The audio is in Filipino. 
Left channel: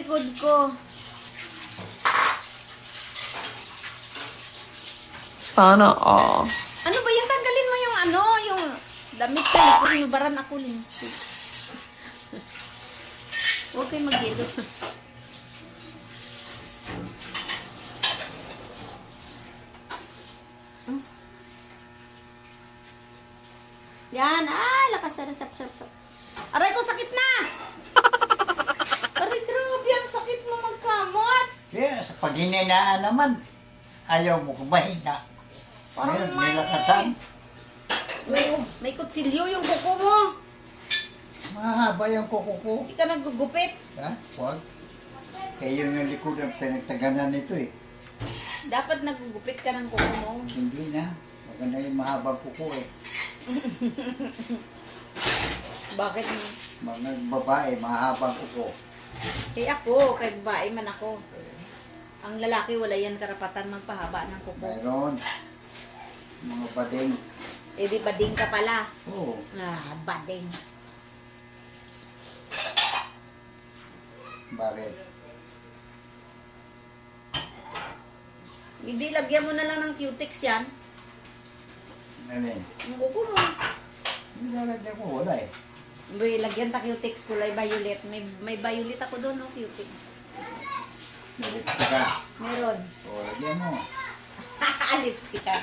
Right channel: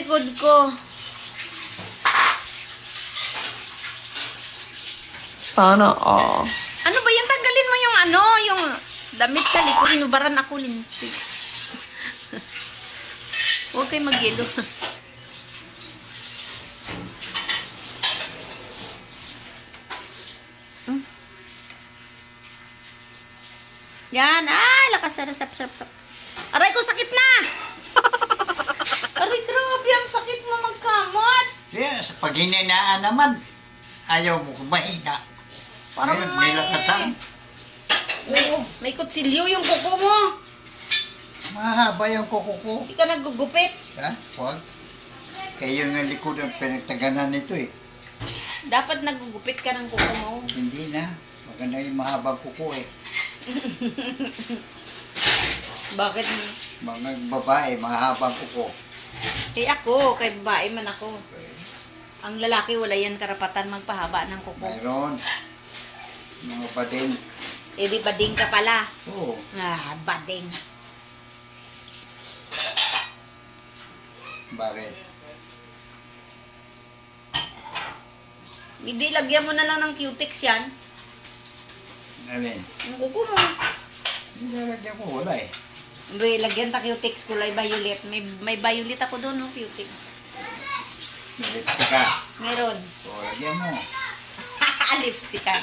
likod ko. Sana all. Ano ba yan? Tanggalin mo yung ano, yung damit sa likod. Inubaran ako lintik. Huwag kayo mag-yelo. Yan. Lakas na sap. Aray ko, sakit na! Aray, grabe. Ang sakit mo magkamot. Yes, pag hininaan naman, ayaw mo kumahina. Parang Ngayon, may... may lakasan. May kutsilyo yung kuko mo. Mahaba yung kuko ko. Hindi ka naggugupit. Ha? Huwag. Kaya yung likod ang pinagtaganan nito eh. Dapat naggugupit ka ng kuko mo. Hindi na. Maganda yung mahabang kuko eh. Bakit? Mga babae, mahabang kuko. Eh ako, kay babae man ako. Ang lalaki wala yan karapatan magpahaba ng kuko. Mayroon. Mga bading. Eh di bading ka pala. Oo. Bading. Bakit? Hindi, lagyan mo na lang ng cutex yan. Alin? Ang kuko mo. Nilalagyan ko, wala eh. May lagyan ta cutex kulay violet. May violet ako doon, no, cutex. Nalipstick ka. Meron. O, lagyan mo. Lipstickan.